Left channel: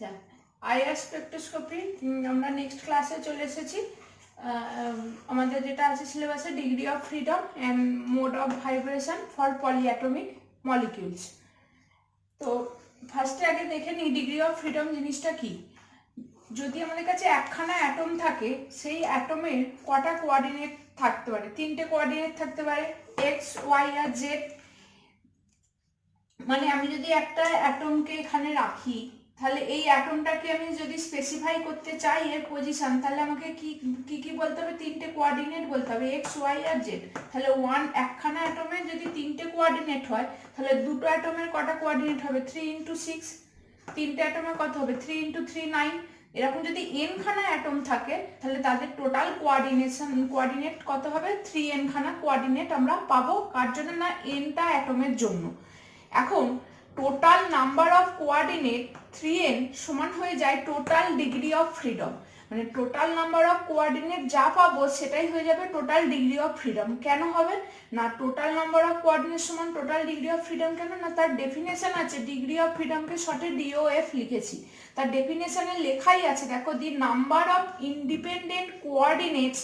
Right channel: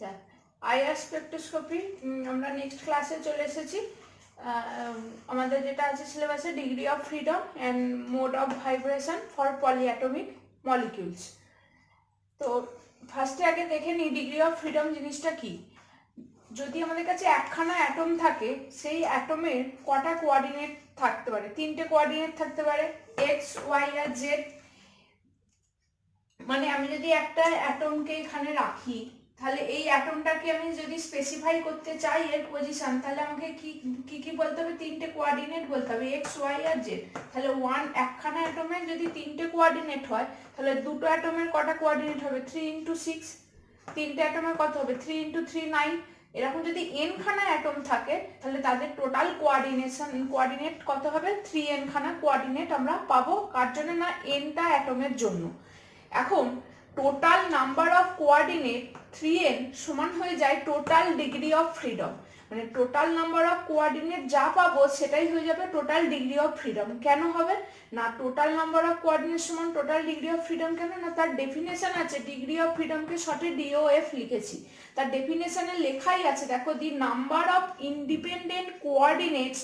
আচ্ছা, IR spectroscopy আমরা next ক্লাসে চলে এসেছি। আমাদের যেটা আছে সিলেবাসে degree of freedom and mode of vibration for polyatomic molecules. তো ফার্স্টে আগে দেখে নিই ডিগ্রি অফ ফ্রিডম জিনিসটা কি। যদি আমাদের কাছে একখানা অ্যাটম থাকে, সেই অ্যাটমের কটা কোঅর্ডিনেট থাকতে পারে? তিনটে কোঅর্ডিনেট থাকতে পারে, এক্স, ওয়াই আর জেড। মানে আমি যদি একটা অ্যাটমকে এখানে রাখি, তাহলে এই অ্যাটমটাকে আমি যদি স্পেসিফাই করতে চাই এর পজিশন, তাহলে আমাকে কি কি কি বলতে হবে? তিনটে কোঅর্ডিনেট বলতে হবে, এক্স, ওয়াই আর জেড। তাহলে একখানা অ্যাটমের যদি তিনটে কোঅর্ডিনেট হয়, তাহলে দুটো অ্যাটমের কটা কোঅর্ডিনেট হবে? 3 × 6। তিনটে অ্যাটমের কত হবে? 3 × 3 9। এরকম যদি n খানা অ্যাটম থাকে, তাহলে তাদের টোটাল কোঅর্ডিনেট কত হবে? 3n খানা কোঅর্ডিনেট আমরা পাবো। কার জন্য? না, nটা অ্যাটমের জন্য। এখন total number of coordinate 3n সমান হয়ে যায় টোটাল ডিগ্রি অফ ফ্রিডম। মানে টোটাল নাম্বার অফ কোঅর্ডিনেট যা পাবো সেটাই হয়ে যাবে টোটাল ডিগ্রি অফ ফ্রিডম। কেন হবে না টোটাল নাম্বার অফ কোঅর্ডিনেট সমান টোটাল ডিগ্রি অফ ফ্রিডম? কেন না, তার ডেফিনেশন আছে। ডিগ্রি অফ ফ্রিডমকে শর্টে DOF লিখেছি। তার ডেফিনেশনে লেখাই আছে, দেখো, the number of independent coordinates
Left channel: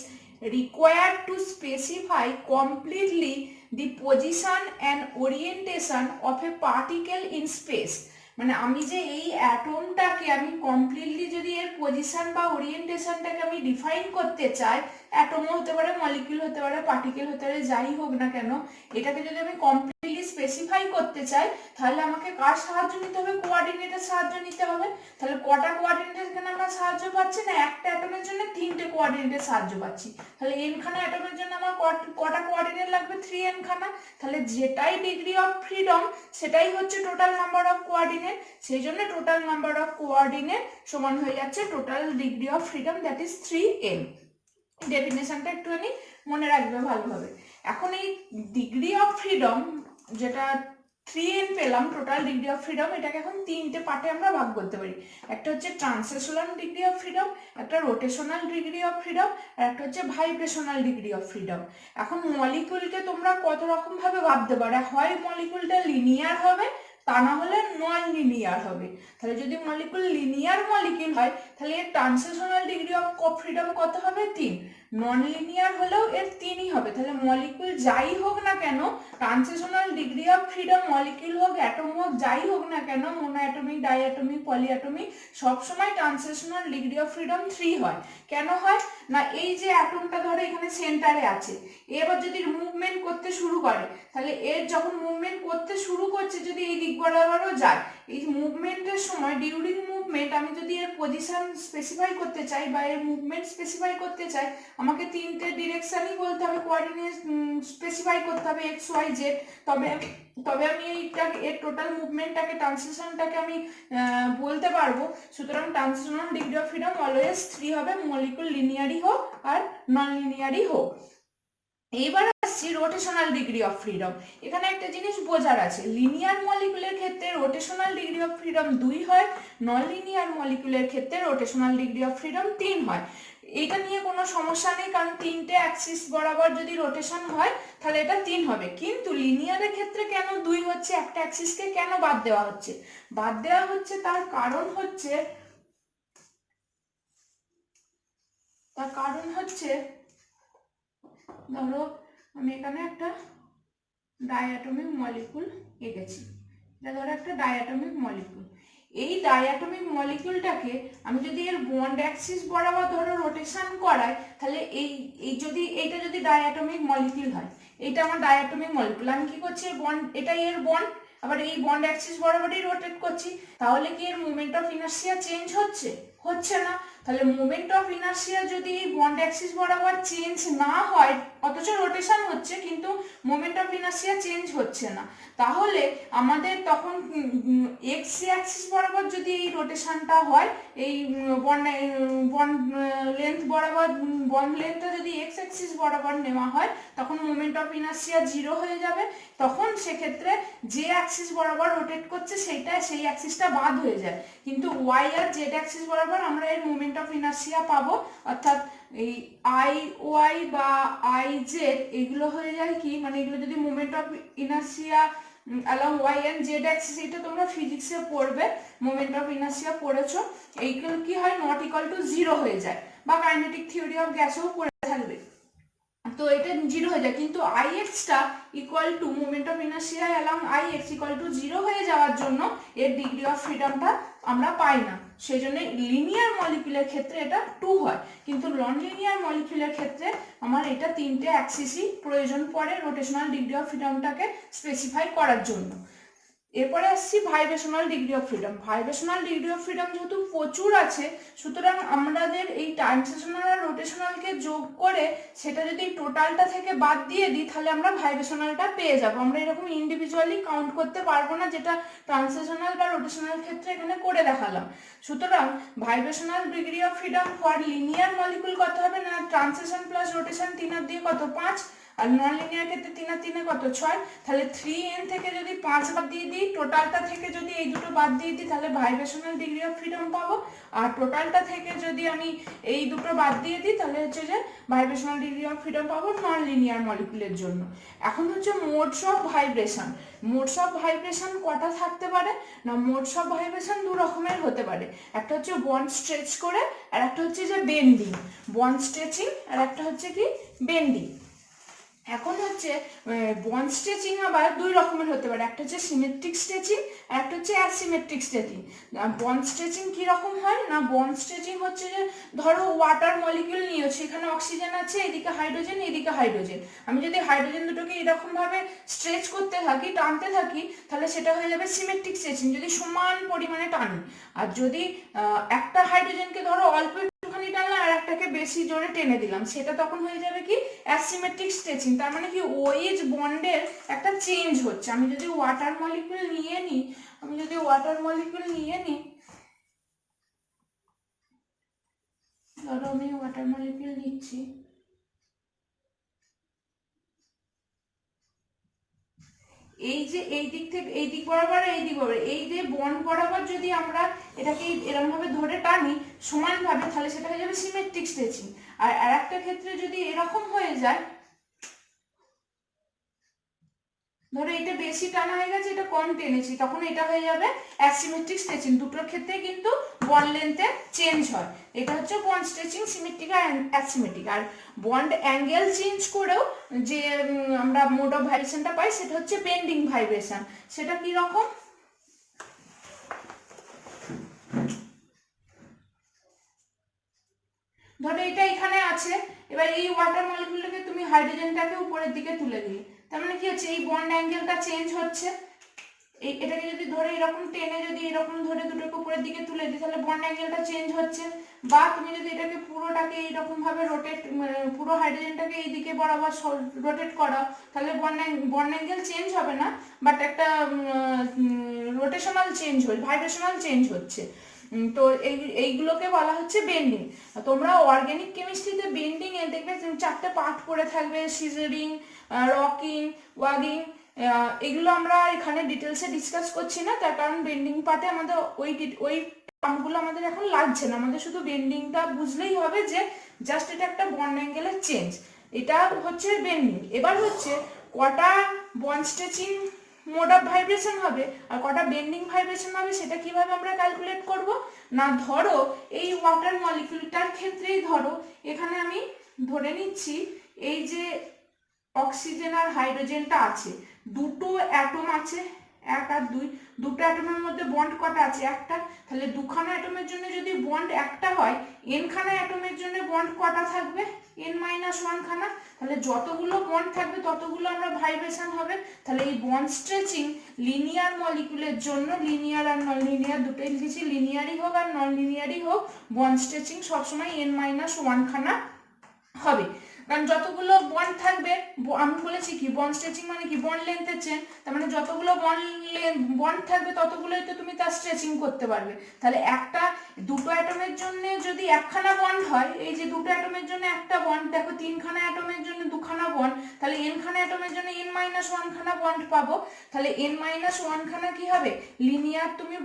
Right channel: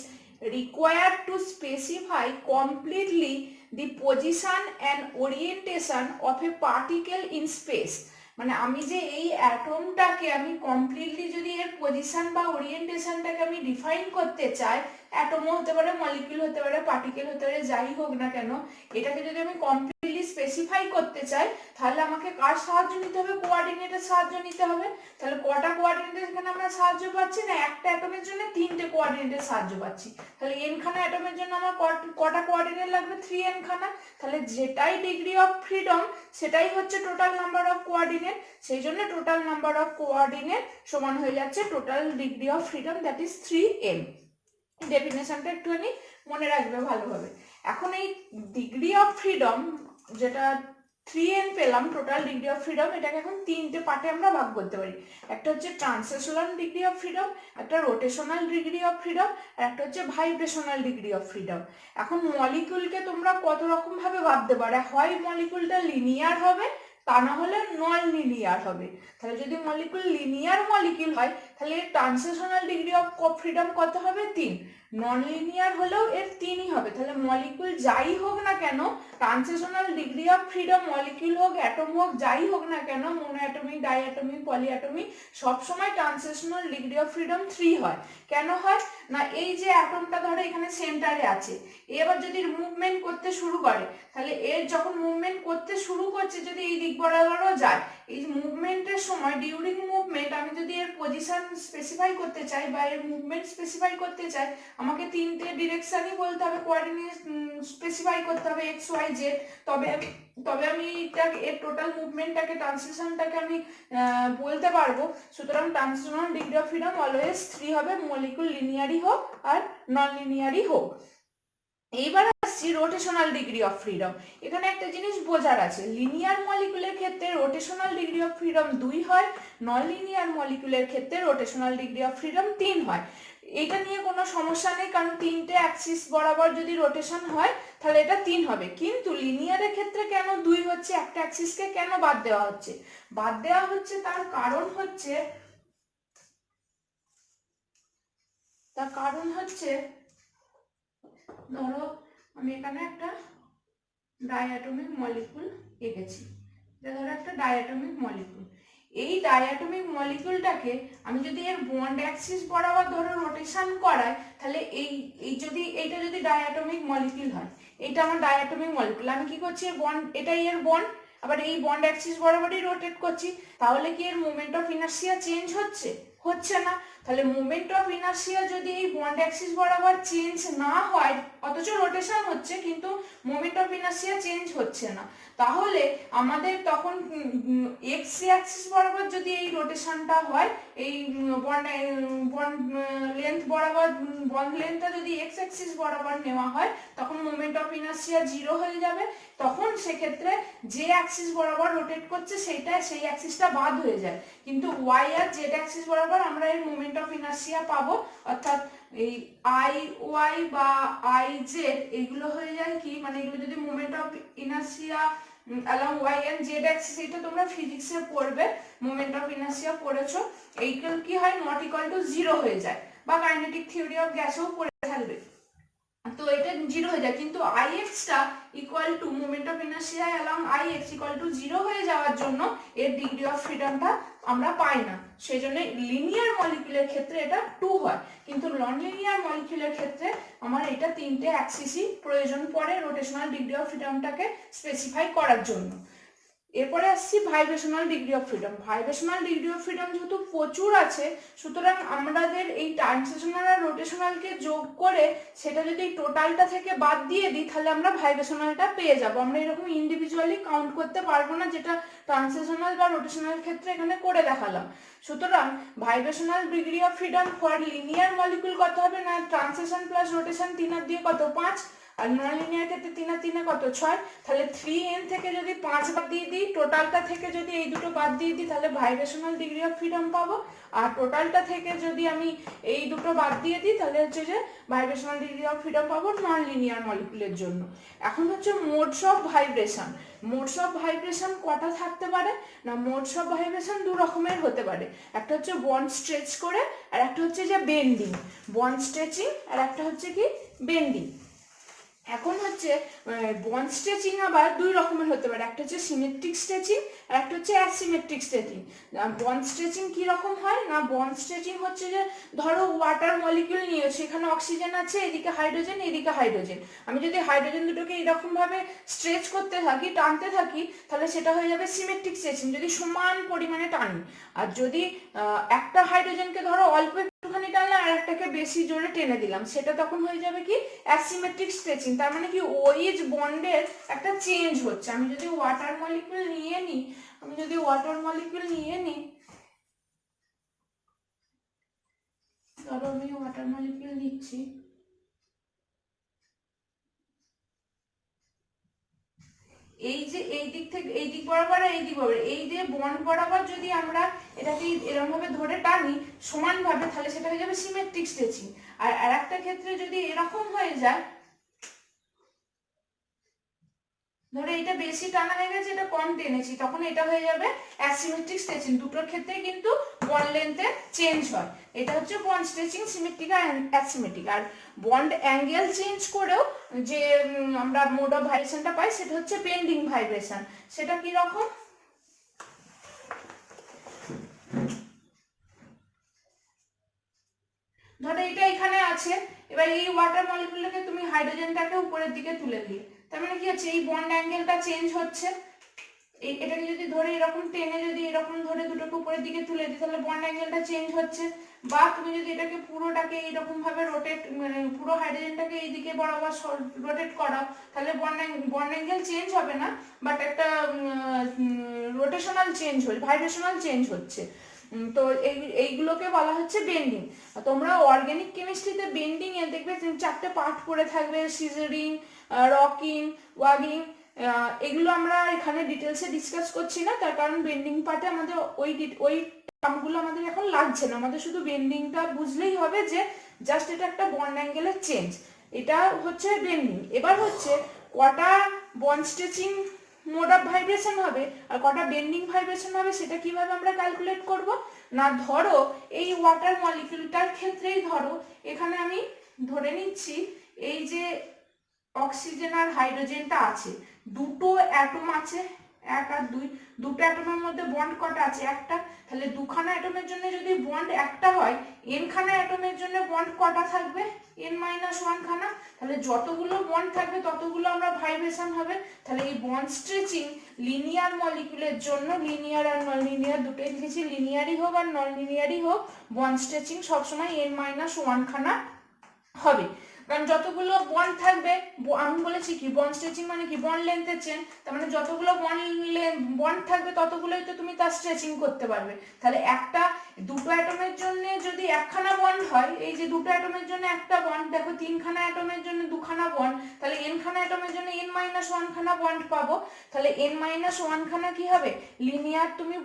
required to specify completely the position and orientation of a particle in space। মানে আমি যে এই অ্যাটমটাকে আমি কমপ্লিটলি যদি এর পজিশন বা ওরিয়েন্টেশনটাকে আমি ডিফাইন করতে চাই, অ্যাটমও হতে পারে, মলিকিউল হতে পারে, পার্টিকেল হতে পারে, যাই হোক না কেন, এটাকে যদি আমি কমপ্লিটলি স্পেসিফাই করতে চাই, তাহলে আমাকে কার সাহায্য নিতে হবে? কোঅর্ডিনেটের সাহায্য নিতে হবে। তাহলে কটা কোঅর্ডিনেটের জন্য আমরা সাহায্য পাচ্ছি? না, একটা অ্যাটমের জন্য তিনটে কোঅর্ডিনেটের সাহায্য পাচ্ছি। তাহলে n খানা অ্যাটমের জন্য আমার কটা কোঅর্ডিনেট লাগবে? 3n খানা। তাহলে যেটাই ডিগ্রি অফ ফ্রিডম সেটাই হচ্ছে টোটাল নাম্বার অফ কোঅর্ডিনেট। সেই জন্য টোটাল নাম্বার অফ কোঅর্ডিনেট সমান হয়ে যাচ্ছে total degree of freedom, that is 3n। ডেফিনেশনটা একটুখানি মনে রাখবে ভালোভাবে। এখন এই ডিগ্রি অফ ফ্রিডম যেটা 3n পেলাম, টোটাল ডিগ্রি অফ ফ্রিডম, এটাকে এখন তিনটে পার্টে আমরা ভাগ করতে পারি। একটা হচ্ছে ট্রান্সলেশনাল ডিগ্রি অফ ফ্রিডম, একটা রোটেশনাল ডিগ্রি অফ ফ্রিডম, আর একটা হচ্ছে ভাইব্রেশনাল ডিগ্রি অফ ফ্রিডম। এখন মলিকিউলকে তোমরা কত রকম ভাবে ভাবতে পারো। হয় মলিকিউলটা লিনিয়ার হবে, তা না হলে নন লিনিয়ার হবে। তাহলে যদি মলিকিউল লিনিয়ার মলিকিউল হয়, তাহলে এর ট্রান্সলেশনাল ডিগ্রি অফ ফ্রিডম কত হবে? 3। নন লিনিয়ার হলেও এর 3ই হবে। তাহলে মলিকিউল যাই হোক না কেন, translational degree of freedom, molecule হোক, অ্যাটম হোক, যাই হোক না কেন, মোনোঅ্যাটমিক, ডাইঅ্যাটমিক, পলিঅ্যাটমিক, সবসময় ট্রান্সলেশনাল ডিগ্রি অফ ফ্রিডম 3 হয়। কেন হয় না, এই যে অ্যাটমটা ধরো এখানে সেন্টারে আছে, এবার যদি মুভমেন্ট করতে শুরু করে, তাহলে এর যখন মুভমেন্ট করতে শুরু করছে, যদি এই দিক বরাবরও যায়, এই মুভমেন্টের সময়, ডিউরিং মুভমেন্ট, আমি যদি এর পজিশন স্পেসিফাই করতে চাই বা এর মুভমেন্ট স্পেসিফাই করতে চাই, আমাকে তিনটে ডিরেকশনই বলতে হবে, কোঅর্ডিনেট স্পেসিফাই করতে হবে, এক্স, ওয়াই, জেড। তবে আমি এর টোটাল মুভমেন্টটাকে, ট্রান্সলেশনটাকে আমি বলতে পারবো। সুতরাং translational degree of freedom always 3 হবে, মলিকুল লিনিয়ারই হোক আর নন লিনিয়ারই হোক। এইবার আসছি রোটেশনাল ডিগ্রি অফ ফ্রিডম। এখানে একটা জিনিস বোঝার আছে, লিনিয়ার মলিকুলের ক্ষেত্রে রোটেশনাল ডিগ্রি অফ ফ্রিডম 2 হয়, নন লিনিয়ার মলিকুলের ক্ষেত্রে রোটেশনাল ডিগ্রি অফ ফ্রিডম 3 হয়। এটা নিয়ে কোনো সমস্যা নেই, কারণ তিনটে অ্যাক্সিস বরাবর যদি রোটেশন হয়, তাহলে এটা 3 হবে। কিন্তু লিনিয়ারের ক্ষেত্রে কেন 2 হচ্ছে? একটা অ্যাক্সিসকে কেন বাদ দেওয়া হচ্ছে? বাদ দেওয়া হচ্ছে তার কারণ হচ্ছে ধরো আমি এখানে একটা ডাইঅ্যাটমিক মলিকুল এঁকেছি। ধরো একটা ডাইঅ্যাটমিক মলিকুল। এই ডাইঅ্যাটমিক মলিকুলটাকে আমি যদি এর বন্ড অ্যাক্সিস বরাবর ধরো রোটেশন করাই, তাহলে এইটা যদি ডাইঅ্যাটমিক মলিকুল হয়, এইটা আমার ডাইঅ্যাটমিক মলিকুল, আমি কি করছি? এটাই এর বন্ড, আবার এই বন্ড অ্যাক্সিস বরাবরই রোটেট করছি, তাহলে কি এর মোমেন্ট অফ ইনার্সিয়া চেঞ্জ হচ্ছে? হচ্ছে না। তাহলে মোমেন্ট অফ ইনার্সিয়া যদি এই বন্ড অ্যাক্সিস বরাবর চেঞ্জ না হয়, অথচ রোটেশন হচ্ছে, কিন্তু মোমেন্ট অফ ইনার্সিয়া চেঞ্জ হচ্ছে না, তাহলে আমাদের তখন এক্স অ্যাক্সিস বরাবর যদি এই রোটেশনটা হয়, এই বন্ড লেন্থ বরাবর, বন্ড লেন্থটা যদি এক্স অ্যাক্সিস বরাবর নেওয়া হয়, তখন মোমেন্ট অফ ইনার্সিয়া 0 হয়ে যাবে। তখন সেক্ষেত্রে যে অ্যাক্সিস বরাবর রোটেট করছে সেই অ্যাক্সিসটা বাদ হয়ে যায়, কিন্তু ওয়াই আর জেড অ্যাক্সিস বরাবর আমরা এর মোমেন্ট অফ ইনার্সিয়া পাবো। অর্থাৎ এই আই ওয়াই বা আই জেড এগুলো হয়ে যায় কি, মানে এগুলো যদি moment of inertia along y and z axis, এটা তোমরা ফিজিক্সে পড়বে, মোমেন্ট অফ ইনার্শিয়া পড়েছো, এইগুলো কি হয় নট ইকুয়াল টু 0 হয়ে যায়, বা কাইনেটিক থিওরি অফ গ্যাসেও পড়ে থাকবে। তো এটা 0 হয়ে যায়, কিন্তু ix টা equal to moment of inertia along ix equal to 0 হয়ে যাওয়ার জন্য এর ডিগ্রি অফ ফ্রিডমটা আমরা পাই না। সেজন্য লিনিয়ার মলিকিউলের ক্ষেত্রে এটা 2 হয়, কিন্তু নন লিনিয়ার মলিকিউলের ক্ষেত্রে আমার এটা 3টে অ্যাক্সিসই প্রয়োজন পড়ে রোটেশনাল ডিগ্রি অফ ফ্রিডমটাকে স্পেসিফাই করার জন্য। এরপরে আসছি vibrational degree of freedom. Vibrational degree of freedom যেহেতু প্রচুর আছে, সুতরাং আমাদের এই ট্রান্সলেশনাল আর রোটেশনালকে যোগ করে সেটা যদি টোটালটা থেকে বাদ দিয়ে দিই, তাহলে আমরা ভাইব্রেশনালটা পেয়ে যাব। আমরা এরকম ইন্ডিভিজুয়ালি কাউন্ট করতে পারবো না, যেটা ট্রান্সলেশনাল বা রোটেশনাল ক্ষেত্রে এখানে করে দেখালাম। সুতরাং vibrational degree of freedom for linear molecule কত হবে না, ট্রান্সলেশন প্লাস রোটেশন 3 আর দিয়ে কত 5, আর নন লিনিয়ার ক্ষেত্রে 3 আর 3 কত 6, তাহলে 3n থেকে যদি 5 বাদ দিয়ে দিই, টোটালটা থেকে যদি এই দুটো বাদ দিয়ে দিই, তাহলে ভাইব্রেশনাল ডিগ্রি অফ ফ্রিডম পাবো। আর টোটালটা থেকে যদি আমি এই দুটো বাদ দিয়ে দিই, তাহলে হচ্ছে যে ভাইব্রেশনাল ডিগ্রি অফ ফ্রিডম পাবো নন লিনিয়ার মলিকুলের জন্য। এখন হচ্ছে modes of vibration. Modes of vibration কটা থাকতে পারে না, মোডস অফ ভাইব্রেশন দু রকমের হতে পারে, একটা হচ্ছে বন্ড স্ট্রেচ করে, আর একটা হচ্ছে যে বেন্ডিং। বন্ড স্ট্রেচিং আর একটা হচ্ছে কি বেন্ডিং। এখন হচ্ছে বন্ড স্ট্রেচিং আবার দুই রকমের হতে পারে, একটা হচ্ছে সিমেট্রিক স্ট্রেচিং আর একটা হচ্ছে অ্যাসিমেট্রিক স্ট্রেচিং। বন্ড স্ট্রেচিং কি রকম হয় না, বন্ড স্ট্রেচিং হচ্ছে যে ধরো ওয়াটার মলিকিউল নিয়েছে, এখানে অক্সিজেন আছে, এদিকে হাইড্রোজেন, এদিকে হাইড্রোজেন। আমি যদি হাইড্রোজেন দুটোকে এরকম ভাবে স্ট্রেচ করতে থাকি, টানতে থাকি, তাহলে সেটা হয়ে যাবে সিমেট্রিক স্ট্রেচিং, যদি সমান পরিমাণে টানি। আর যদি একটা হাইড্রোজেনকে ধরো অল্প একটুখানি টানলাম আর একটাকে বেশি জোরে টেনে দিলাম, সেটা তখন হয়ে যাবে কি অ্যাসিমেট্রিক স্ট্রেচিং। তার মানে কি ওইজ বন্ডের একটা চেঞ্জ হচ্ছে। আমি যদি ওয়াটার মলিকিউল নিয়ে নিই, ধরো আমি ওয়াটার মলিকিউল নিচ্ছি, এই যে এই দিক থেকে এই দিক বরাবর এই দিক বরাবর, এই যে বন্ড বরাবর যদি আমরা এটাকে এরকম ভাবে ধরে টানি সমানভাবে, তাহলে সেটা হয়ে যাবে সিমেট্রিক স্ট্রেচিং। আর আরেকটা ক্ষেত্রে যদি এরকম হয়ে যায়, ধরো এটা বেশি টানা হয়ে গেছে, এটা কম টেনেছি, তখন এটা হয়ে যাবে অ্যাসিমেট্রিক স্ট্রেচিং। দুটোর ক্ষেত্রেই কিন্তু বন্ড লেন্থে চেঞ্জ হয়। এটা হচ্ছে বন্ড স্ট্রেচিং, সিমেট্রিক আর অ্যাসিমেট্রিক। আর বন্ড অ্যাঙ্গেল চেঞ্জ করেও যে আমরা মোড অফ ভাইব্রেশনটা পাই, সেটা হচ্ছে বেন্ডিং ভাইব্রেশন। সেটা কি রকম, ধরো এটা এখানে আছে, এবার এই ওয়াটার মলিকিউলটাকে তুমি হাইড্রোজেনটাকে উপরের দিকে তুলে দিলে, তার মানে কি হচ্ছে এই বন্ড অ্যাঙ্গেলটা চেঞ্জ হচ্ছে। এটাকে যদি ধরে এরকম টেনে যদি এরকম ধরে দুটোকে উপরের দিকে তুলে দিই, তাহলে বন্ড অ্যাঙ্গেলটা চেঞ্জ হচ্ছে। বা তুমি যদি এটাকে পুরোটাকে এইরকম ভাবে রোটেট, পুরো হাইড্রোজেনটাকে এইদিকে বরাবর রোটেট করাও, তাহলে বন্ড অ্যাঙ্গেল চেঞ্জ হবে না, বাট একটা রোটেশনাল চেঞ্জ হচ্ছে, ভাইব্রেশনাল চেঞ্জ হচ্ছে। তো এইগুলোকে বলা হচ্ছে বেন্ডিং। তোমরা অর্গানিক কেমিস্ট্রিতে বেন্ডিং এ দেখবে 4টে পার্ট পড়ে থাকবে, সিজারিং, রকিং, ওয়াগিং। এগুলো আমরা এখানে ডিটেলসে ডিসকাস করছি না, তার কারণ বেন্ডিং পার্টে আমাদের ওই টার্মগুলো আমাদের এখন লাগছে না। আমাদের শুধু বেন্ডিংটা বুঝলেই হবে যে জাস্ট এটা একটা বন্ড অ্যাঙ্গেলের চেঞ্জ, এটা হচ্ছে বেন্ডিং। এবার হচ্ছে কটা bond stretching mode of vibration হবে আর কটা বেন্ডিং ভাইব্রেশন হবে, সেটা কিভাবে আমরা ক্যালকুলেট করব না, ধরো এই ওয়াটার মলিকিউলটার ক্ষেত্রেই ধরো এখানে আমি ধরে নিচ্ছি এই যে অক্সিজেন আর হাইড্রোজেনটা আছে, দুটো অ্যাটম আছে, 1 আর 2, দুটো অ্যাটমের মধ্যে বন্ড কটা আছে, একটা। তাহলে দুখানা অ্যাটমের জন্য যদি বন্ড একটা হয়, n খানা অ্যাটমের জন্য বন্ড কটা থাকবে, n-1 খানা। তাহলে যতগুলো বন্ড থাকবে ততগুলো আমরা ভাইব্রেশন হবে। তাহলে এই বন্ড স্ট্রেচিং লিনিয়ার মলিকিউলের জন্য, লিনিয়ার আর নন লিনিয়ার দুটোই লিখেছি, লিনিয়ারই হোক আর নন লিনিয়ারই হোক, বন্ড স্ট্রেচিং সবসময় n-1 খানা হবে। কারণ যতগুলো বন্ড থাকবে, আমি বলেছি কি বন্ড স্ট্রেচিং মানে কি বন্ড লেন্থের চেন, তার মানে যতগুলো বন্ড থাকবে ততগুলোই তো তুমি তার স্ট্রেচিং করতে পারবে। তাহলে একটা দুটো অ্যাটমের জন্য যদি একখানা বন্ড হয়, এই যে দুটো অ্যাটমের জন্য একটা বন্ড, দেখো তিনখানা অ্যাটমের জন্য দুখানা বন্ড, তাহলে n খানা অ্যাটমের জন্য n-1 খানা বন্ড পাবো। তাহলে n-1 খানা কি হবে, লিনিয়ার তুমি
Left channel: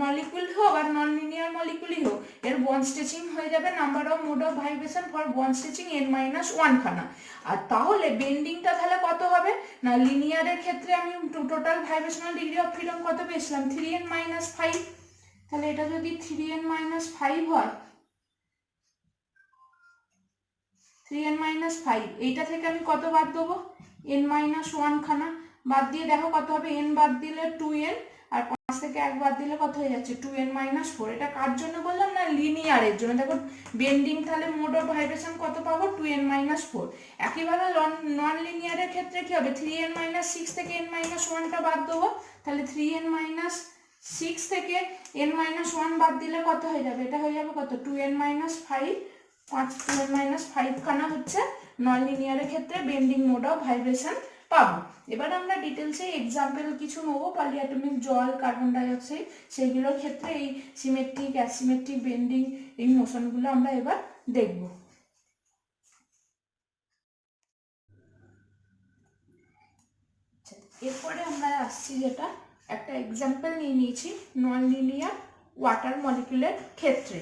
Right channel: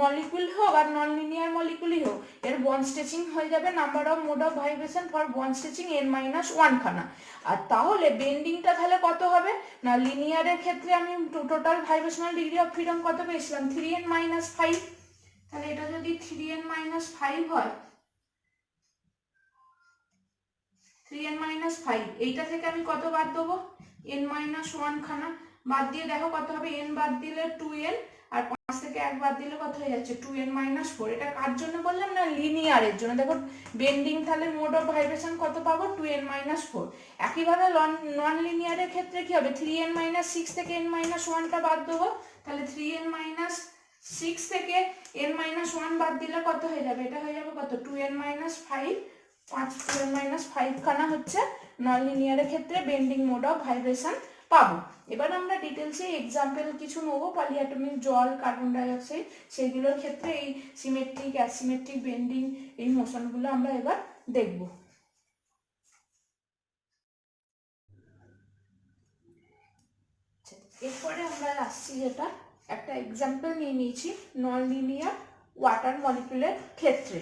মলিকুল হোক আর নন লিনিয়ার মলিকুলই হোক, এর বন্ড স্ট্রেচিং হয়ে যাবে number of mode of vibration for bond stretching n-1 খানা। আর তাহলে বেন্ডিংটা তাহলে কত হবে না, লিনিয়ারের ক্ষেত্রে আমি total vibrational degree of freedom কত পেয়েছিলাম 3n-5। তাহলে এটা যদি 3n-5 হয়, 3n-5, এইটা থেকে আমি কত বাদ দেবো, n-1 খানা বাদ দিয়ে দেখো কত হবে, n বাদ দিলে 2n, আর 5 থেকে 1 বাদ দিলে কত হয়ে যাচ্ছে 2n-4। এটা কার জন্য বললাম না, লিনিয়ারের জন্য। দেখো বেন্ডিং তাহলে মোড অফ ভাইব্রেশন কত পাবো 2n-4। একইভাবে নন লিনিয়ারের ক্ষেত্রে কি হবে, 3n-6 থেকে n-1টা বাদ দেবো, তাহলে 3n-6 থেকে n-1 বাদ দিলে কত হয়ে যাবে, এটা হয়ে যাবে কত 2n-5। 2n-5 খানা হচ্ছে নন লিনিয়ারের ক্ষেত্রে বেন্ডিং মোড অফ ভাইব্রেশন পাবো। এবার আমরা ডিটেলসে এক্সাম্পল কিছু নেবো, পলিঅ্যাটমিক জল, কার্বন ডাইঅক্সাইড, সেইগুলোর ক্ষেত্রে এই সিমেট্রিক অ্যাসিমেট্রিক বেন্ডিং এই মোশনগুলো আমরা এবার দেখব। এরপরে আমরা আসছি যেটা একটা এক্সাম্পল নিয়ে নিয়েছি নন লিনিয়ার ওয়াটার মলিকুলের ক্ষেত্রে।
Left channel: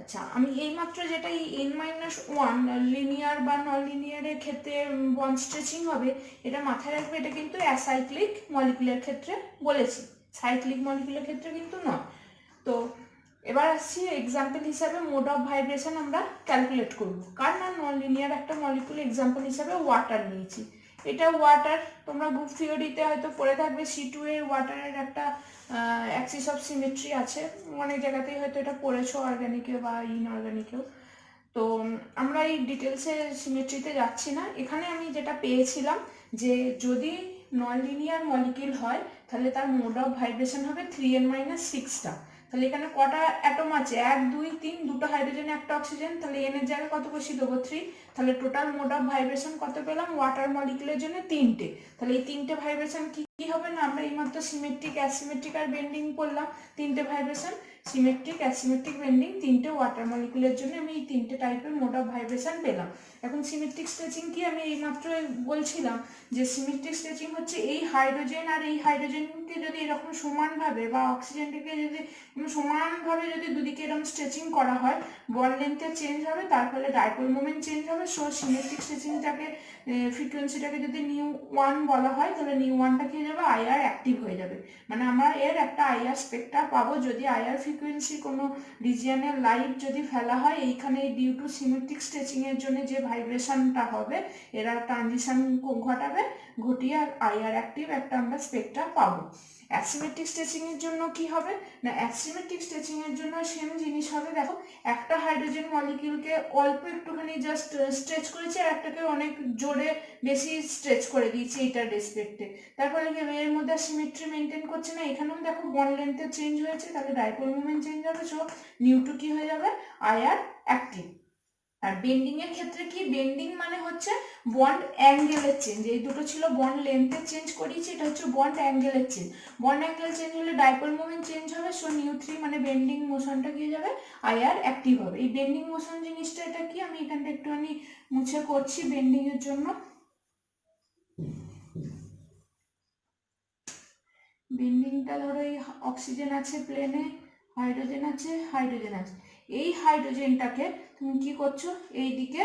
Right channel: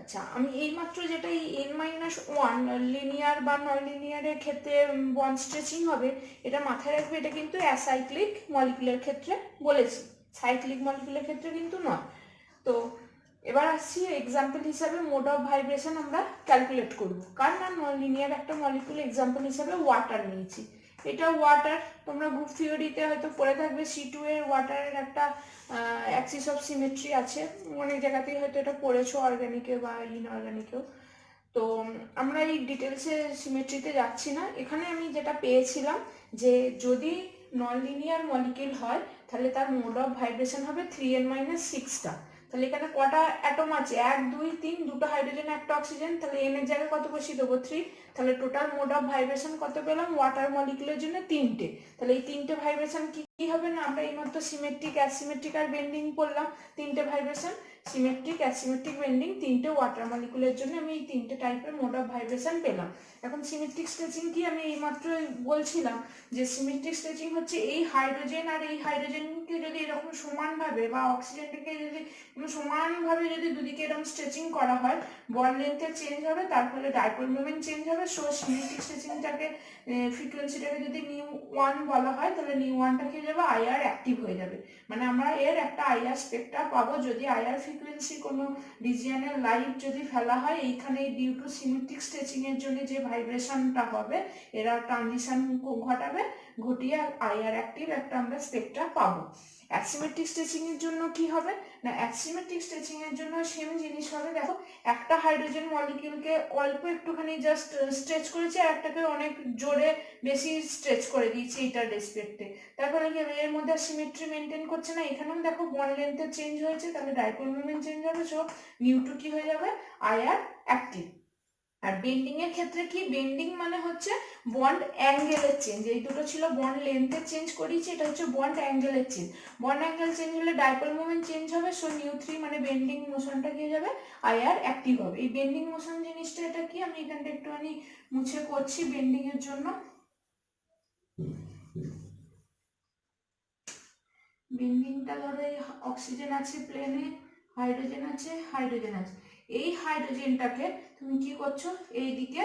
আচ্ছা, আমি এইমাত্র যেটা এই n-1 লিনিয়ার বা নন লিনিয়ারের ক্ষেত্রে বন্ড স্ট্রেচিং হবে, এটা মাথায় রাখবে, এটা কিন্তু অ্যাসাইক্লিক মলিকুলের ক্ষেত্রে বলেছি, সাইক্লিক মলিকুলের ক্ষেত্রে কিন্তু নয়। তো এবার আসছি এক্সাম্পল হিসাবে মোড অফ ভাইব্রেশন আমরা ক্যালকুলেট করব। কার না, নন লিনিয়ার একটা মলিকুল এক্সাম্পল হিসাবে ওয়াটার নিয়েছি। এটা ওয়াটার, তোমরা গ্রুপ থিওরিতে হয়তো পড়ে থাকবে, C2 এর ওয়াটারের একটা অ্যাক্সিস অফ সিমেট্রি আছে, অনেক জায়গাতেই হয়তো এটা পড়েছো, অর্গানিকে বা ইনঅর্গানিকেও। তো আমরা এই ডিটেলসে সিমেট্রিতে যাচ্ছি না। এখানে আমি যেটা পেয়েছিলাম যে যদি নন লিনিয়ার মলিকিউল হয় তাহলে তার মোড অফ ভাইব্রেশন হবে 3n-6টা। তাহলে এখানে কটা অ্যাটম আছে, 1 2 3, দুটো হাইড্রোজেন একটা অক্সিজেন, তাহলে n এর জায়গায় কত বসিয়ে দেবো 3। তাহলে টোটাল মোড অফ ভাইব্রেশন কত পেলাম ওয়াটার মলিকুলের জন্য 3টে। তাহলে এই 3টে ভাইব্রেশন কি কি হবে না, আমরা এইমাত্র সিমেট্রিক অ্যাসিমেট্রিক আর বেন্ডিং পড়লাম, 3টে ভাইব্রেশন সিমেট্রিক অ্যাসিমেট্রিক বেন্ডিং, 3টে ওয়াটার মলিকুলের জন্য আমি এই 3টে টাইপের মোড অফ ভাইব্রেশন পেলাম। এখন সিমেট্রিক স্ট্রেচিং কি, আমি এইমাত্র বলছিলাম যে সিমেট্রিক স্ট্রেচিং হচ্ছে এই হাইড্রোজেন আর এই হাইড্রোজেনকে যদি এরকম সমানভাবে বা অক্সিজেনটাকে যদি সমানভাবে যদি দুদিকে এরকম স্ট্রেচিং করা হয়, বন্ড লেন্থের চেঞ্জ হবে, তার ফলে ডাইপোল মোমেন্ট চেঞ্জ হবে। সো সিমেট্রিক স্ট্রেচিংটাকে ফ্রিকোয়েন্সিটাকে যদি নিউ 1 বলা হয়, তাহলে নিউ 1টা কি হয়ে যাবে, আইআর অ্যাক্টিভ হয়ে যাবে। মানে আমরা এর একটা আইআর স্পেক্ট্রাম পাবো যদি আইআর ফ্রিকোয়েন্সি কোনো রিজিয়নের লাইট যদি ফেলা হয়, এইখানে ডিউ টু সিমেট্রিক স্ট্রেচিং এর জন্য যে ভাইব্রেশনটা হবে এরা ট্রানজিশন ঘটাবে, ঘটিয়ে আইআর অ্যাক্টিভ একটা আমরা স্পেক্ট্রাম পাবো। অ্যাসিমেট্রিক স্ট্রেচিং এর জন্য কি হবে না, অ্যাসিমেট্রিক স্ট্রেচিং এর জন্য সেম জিনিস হবে। দেখো একটা হাইড্রোজেন মলিকিউলকে অল্প একটুখানি জাস্ট স্ট্রেচ করেছি, আর একটাকে অনেক জোরে বেশি স্ট্রেচ করে দিয়েছি এইটার রেসপেক্টে, তারপরে কি এর মধ্যে সিমেট্রি মেনটেন করছে না। এখানেও দেখো বন্ড লেন্থের চেঞ্জ হয়েছে, তাহলে ডাইপোল মোমেন্ট চেঞ্জ হবে, সো নিউ2 কি হয়ে যাবে, আইআর অ্যাক্টিভ। আর বেন্ডিং এর ক্ষেত্রে কি, বেন্ডিং মানে হচ্ছে বন্ড অ্যাঙ্গেলের চেঞ্জ, এই দুটো ছিল বন্ড লেন্থের চেঞ্জ করিয়েছি, এটা হচ্ছে বন্ড অ্যাঙ্গেলের চেঞ্জ। বন্ড অ্যাঙ্গেল চেঞ্জ হলে ডাইপোল মোমেন্ট চেঞ্জ হবে, সো নিউ3 মানে বেন্ডিং মোশনটা কি হয়ে যাবে, আইআর অ্যাক্টিভ হবে। এই বেন্ডিং মোশন জিনিসটা এটা কি, আমি এখানটা একটুখানি মুছে করছি বেন্ডিং এর জন্য। বেন্ডিংটা ধরো এই অক্সিজেন আছে প্লেনে, হাইড্রোজেন আছে, হাইড্রোজেন আছে, এই হাইড্রোজেনটাকে তুমি কি করছো, এইদিকে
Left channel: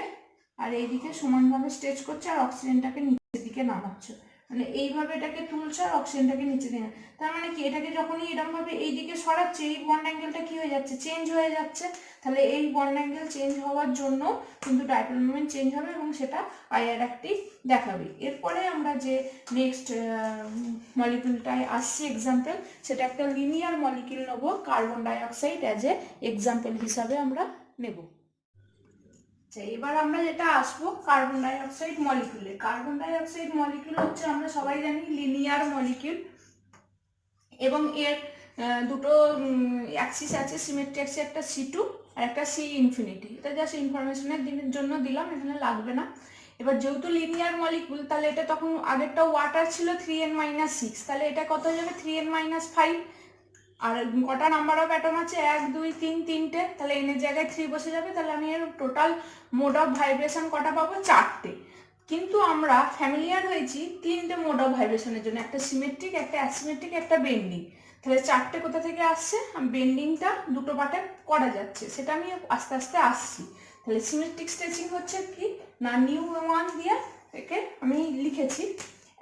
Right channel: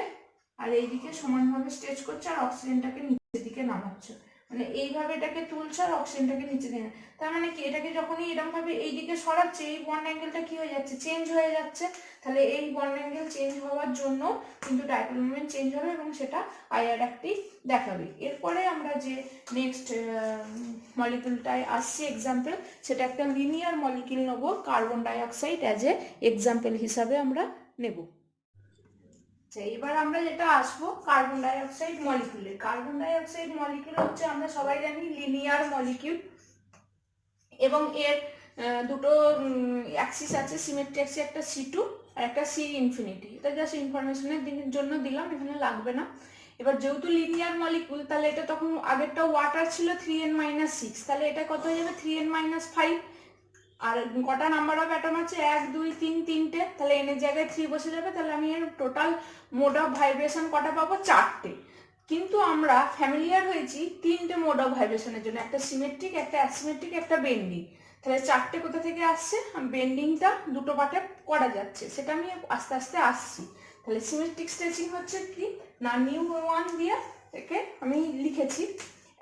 আর এইদিকে সমানভাবে স্ট্রেচ করছো, আর অক্সিজেনটাকে নিচের দিকে নামাচ্ছ, মানে এইভাবে এটাকে তুলছো আর অক্সিজেনটাকে নিচে দিয়ে, তার মানে কি এটাকে যখনই এরকম ভাবে এইদিকে সরাচ্ছে, এই বন্ড অ্যাঙ্গেলটা কি হয়ে যাচ্ছে, চেঞ্জ হয়ে যাচ্ছে। তাহলে এই বন্ড অ্যাঙ্গেল চেঞ্জ হওয়ার জন্য কিন্তু ডাইপোল মোমেন্ট চেঞ্জ হবে এবং সেটা আইআর অ্যাক্টিভ দেখাবে। এরপরে আমরা যে নেক্সট মলিকিউলটায় আসছি এক্সাম্পল, সেটা একটা লিনিয়ার মলিকিউল নেব, carbon dioxide as a example হিসাবে আমরা নেব। এবার আমরা যেটা আসবো কার্বন ডাইঅক্সাইড মলিকিউলে। কার্বন ডাইঅক্সাইড মলিকিউল হচ্ছে আমরা সবাই জানি লিনিয়ার মলিকিউল, এবং এর দুটো অ্যাক্সিস আছে, সিমেট্রি অ্যাক্সিস, একটা C2 আর একটা C ইনফিনিটি। এটা জাস্ট ইনফরমেশনের জন্য দিলাম, এখানে লাগবে না। এবার যেহেতু লিনিয়ার মলিকুল, তাহলে এটা তখন আগেরটা ওয়াটার ছিল 3n-6, তাহলে এটা কত হয়ে যাবে 3n-5, আর কটা নাম্বার অফ অ্যাটম আছে, 1 2 3 তিনটে, তাহলে n এর জায়গায় 3 বসে যাবে, তাহলে আমি এর টোটাল মোড অফ ভাইব্রেশন কটা পাবো, 4টে। কিন্তু আমরা ফ্যামিলিয়ার হয়েছি 3টে মোড অফ ভাইব্রেশনের জন্য, একটা সিমেট্রিক, একটা অ্যাসিমেট্রিক, একটা বেন্ডিং। তাহলে 4টে কোথা থেকে আসছে, বেন্ডিংটা দুটো পার্টে করা যাচ্ছে, সেটা আমি আস্তে আস্তে আসছি। তাহলে সিমেট্রিক স্ট্রেচিং হচ্ছে কি না, নিউ 1 দিয়ে একে আমি লিখেছি।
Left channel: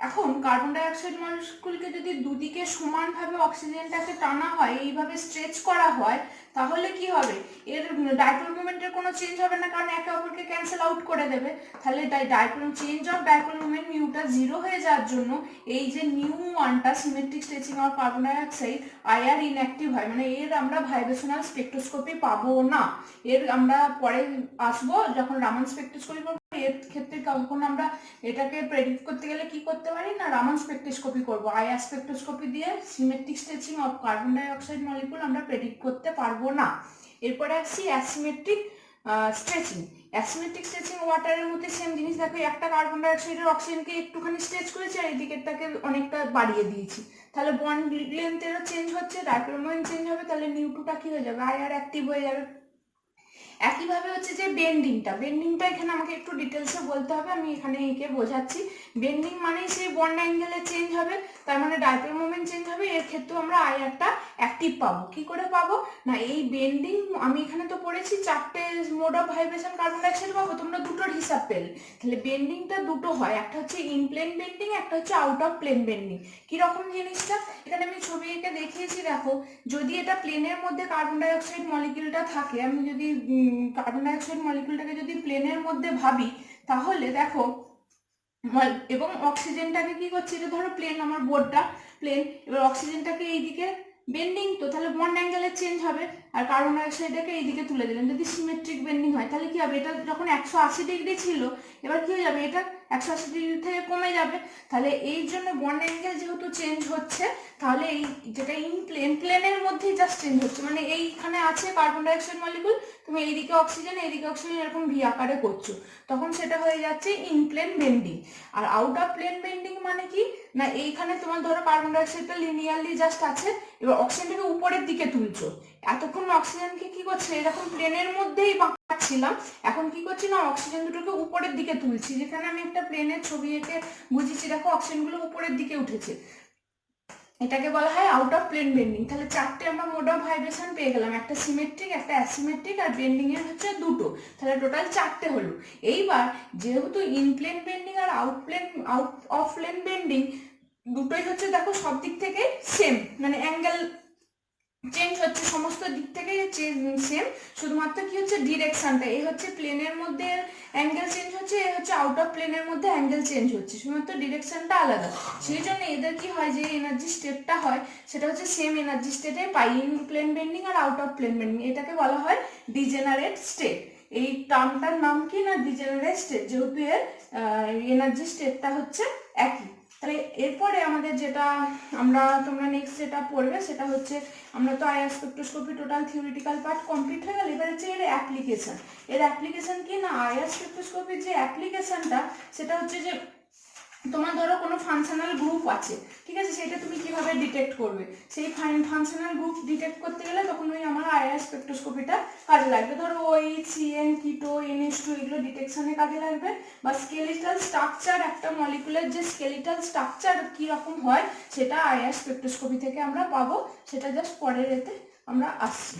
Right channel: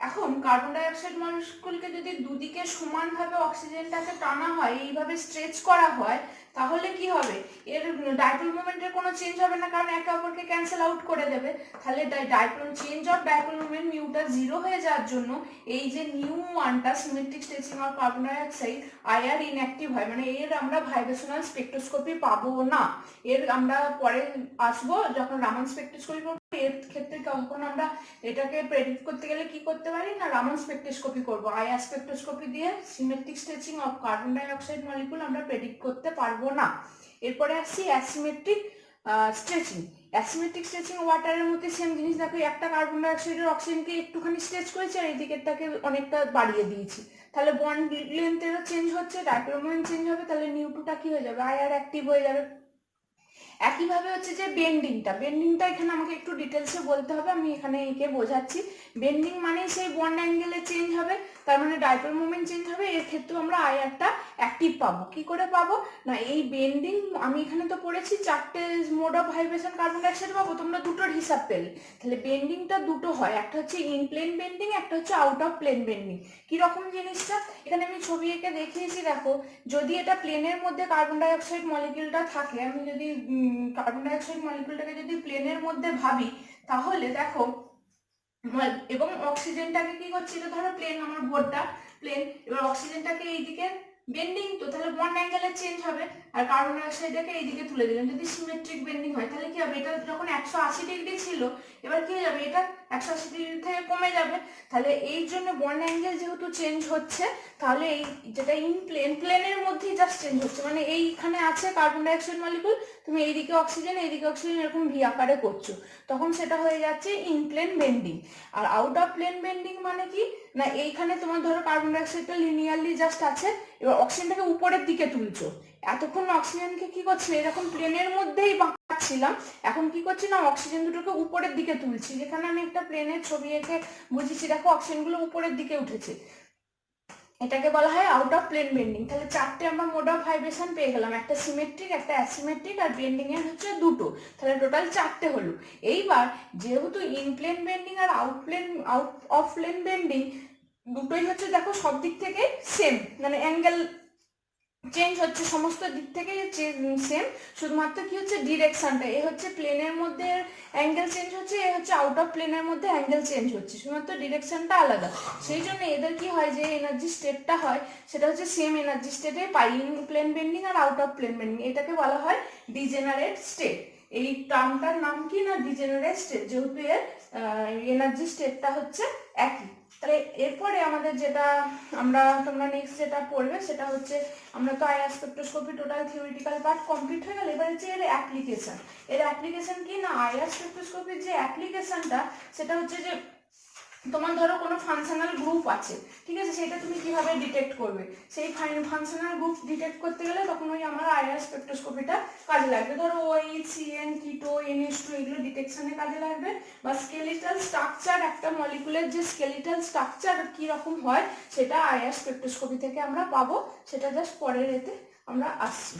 এখন কার্বন ডাই অক্সাইড মলিকিউলকে যদি দুদিকে সমানভাবে অক্সিজেনটাকে টানা হয়, এইভাবে স্ট্রেচ করা হয়, তাহলে কি হবে, এর ডাইপোল মোমেন্টের কোনো চেঞ্জ হবে না, কারণ একে অপরকে ক্যান্সেল আউট করে দেবে। তাহলে dipole change of dipole moment মিউটা 0 হয়ে যাওয়ার জন্য এই যে নিউ 1টা symmetric stretching of carbon dioxide IR inactive হয়, মানে এর আমরা ভাইব্রেশনাল স্পেকট্রোস্কোপি পাবো না। এর আমরা পরে আসবো যখন রামান স্পেকট্রোস্কোপি করবো, এর ক্ষেত্রে তখন আমরা এটাকে প্রেডিক্ট করতে গেলে কি করতে পারি না, রামান স্পেকট্রোস্কোপি করবো। আইআর স্পেকট্রোস্কোপি দিয়ে symmetric stretching of carbon die oxide molecule আমরা প্রেডিক্ট করতে পারবো না। এরপরে আসছি অ্যাসিমেট্রিক স্ট্রেচিং। অ্যাসিমেট্রিক স্ট্রেচিং ওয়াটারের মধ্যে সেম জিনিস, দেখো একটা কার্বন ডাই অক্সাইডের অক্সিজেনকে একটুখানি স্ট্রেচ করেছি আর এদিকেরটাকে অনেকটা বাড়িয়ে দিয়েছি, তাহলে বন্ড লেন্থেরও চেঞ্জ হচ্ছে, ডাইপোল মোমেন্ট চেঞ্জ হবে, তাহলে নিউ2টা কি হয়ে যাবে, আইআর অ্যাক্টিভ হয়ে যাবে। একইভাবে হচ্ছে যে বেন্ডিংটা এখানে আমাকে একটু ডিটেলসে বলতে হবে, আমি এখানে এঁকে বোঝাচ্ছি। বেন্ডিং মানে সেই বন্ড অ্যাঙ্গেলে চেঞ্জ হবে, তার মানে ডাইপোল মোমেন্ট চেঞ্জ হবে, এর ক্ষেত্রেও আমরা আইআরটা অ্যাক্টিভ পাবো। কি করে পাবো না, এই বেন্ডিং আমি এখানে তো পড়েছি 4টে mode of vibration carbon dioxide পাবো, তোমরা দুটোর হিসাব পেলে। তাহলে বেন্ডিংটা দুটো হয়, একটা হচ্ছে ইন প্লেন বেন্ডিং, একটা হচ্ছে আউট অফ প্লেন বেন্ডিং। কিরকম জিনিসটা এখানে আমি ছবি এঁকে দেখিয়েছি, দেখো যদি এটা প্লেনের মধ্যে কার্বন ডাই অক্সাইড মলিকিউলটা থাকে, আমি যদি কার্বন ডাই অক্সাইড মলিকিউলটাকে যদি প্লেনের মধ্যে ভাবি, তাহলে দেখো এবং অক্সিজেনটাকে কি করছি, এটা ধরো প্লেন, আমার বোর্ডটা প্লেন, এবার অক্সিজেনটাকে এইদিকে বেন্ডিং, তো তাহলে বন্ড অ্যাঙ্গেলের চেঞ্জ হবে, আর কার্বন ডাই অক্সাইডটাকে এইদিকে তুলে দিলেন। যদি সিমেট্রিক বেন্ডিং হয় তাহলে কি হবে, এটা যখন 180 ডিগ্রি ছিল, এবার কি হয়ে যাবে, এটা 180 ডিগ্রি থেকে কমে যাবে। তাহলে এই জন্য বন্ড অ্যাঙ্গেল যেহেতু চেঞ্জ হচ্ছে, তাহলে এই যেটা ইন প্লেনের মধ্যেই জাস্ট চেঞ্জ হচ্ছে, মানে এইখানে আছে কার্বন ডাই অক্সাইড মলিকিউল, তুমি এইদিকে অক্সিজেন এরকম ভি আকারে করছো, তখন সেটা হয়ে যাচ্ছে ইন প্লেন বেন্ডিং। আর আউট অফ প্লেন বেন্ডিং মানে কি না, এইখানে তোমার ধরো কার্বন ডাই অক্সাইডটা লিনিয়ারলি জাস্ট আছে, এবার অক্সিজেনটাকে উপরের দিকে তুলছো, এতক্ষণ অক্সিজেনকে কি করছে, এরকম প্লেনের মধ্যেই বাঁকাচ্ছিলাম, এখন কি করছি না, অক্সিজেন দুটোকে উপরের দিকে তুলছি, যেখানে আমি একটা প্লেনের ছবি এঁকে বুঝিয়েছি, দেখো অক্সিজেনগুলো উপরের দিকে উঠেছে, এটাকে বলা হয় আউট অফ প্লেন বেন্ডিং। তাহলে 4টে আমরা মোড অফ ভাইব্রেশন পেয়ে গেলাম, একটা সিমেট্রিক, একটা অ্যাসিমেট্রিক, আর বেন্ডিং এর হচ্ছে দুটো, তাহলে টোটাল 4টে হলো। এইবার যেহেতু ইন প্লেন বেন্ডিং আর আউট অফ প্লেন বেন্ডিং দুটোই হচ্ছে দেখো সব দিক থেকে সেম, মানে অ্যাঙ্গেল চেঞ্জ হচ্ছে সমস্ত দিক থেকে সেম, শুধুমাত্র কি হচ্ছে ডিরেকশনটা, এ হচ্ছে প্লেনের মধ্যে অ্যাঙ্গেল চেঞ্জ হচ্ছে, এ হচ্ছে আউট অফ প্লেনের মধ্যে অ্যাঙ্গেল চেঞ্জ হচ্ছে, শুধুমাত্র ডিরেকশনটা আলাদা। সেই জন্য এদের কি হয়, যে এনার্জি স্টেটটা হয় সেটা হচ্ছে সেম এনার্জি স্টেটে পাই, ইন প্লেন বেন্ডিং আর আউট অফ প্লেন বেন্ডিং, এটাকে বলা হয় ডিজেনারেট স্টেট। এই টার্মটার নাম কি না, ডিজেনারেট স্টেট, যেহেতু এর এনার্জি স্টেটটা হচ্ছে একই। তাহলে এরপরে আমাদের যেটা তোমরা নেক্সট যেটা পড়বে সেটা হচ্ছে, আমরা তো IR spectroscopy total theoretical part complete হয়ে গেল, এবার হচ্ছে এর অ্যাপ্লিকেশন কি না, আইআর স্পেকট্রোস্কোপির যে অ্যাপ্লিকেশনটা সেটা হচ্ছে যে, তোমার ধরো কোনো ফাংশনাল গ্রুপ আছে, ঠিক আছে, সেটা তুমি কিভাবে ডিটেক্ট করবে, সেই ফাংশনাল গ্রুপ ডিটেক্ট করতে গেলে তখন ওই আমার আইআর স্পেকট্রোস্কোপিটা কাজে লাগবে, ধরো OH CN কিটো NH2 এগুলো ডিটেকশনে কাজে লাগবে, বা স্কেলিটাল স্ট্রাকচার, একটা মলিকুলের যে স্কেলিটাল স্ট্রাকচার কীরকম হয় সেটা আইআর স্পেকট্রোস্কোপি থেকে আমরা পাবো, সেটা জাস্ট পরের এতে আমরা আসছি।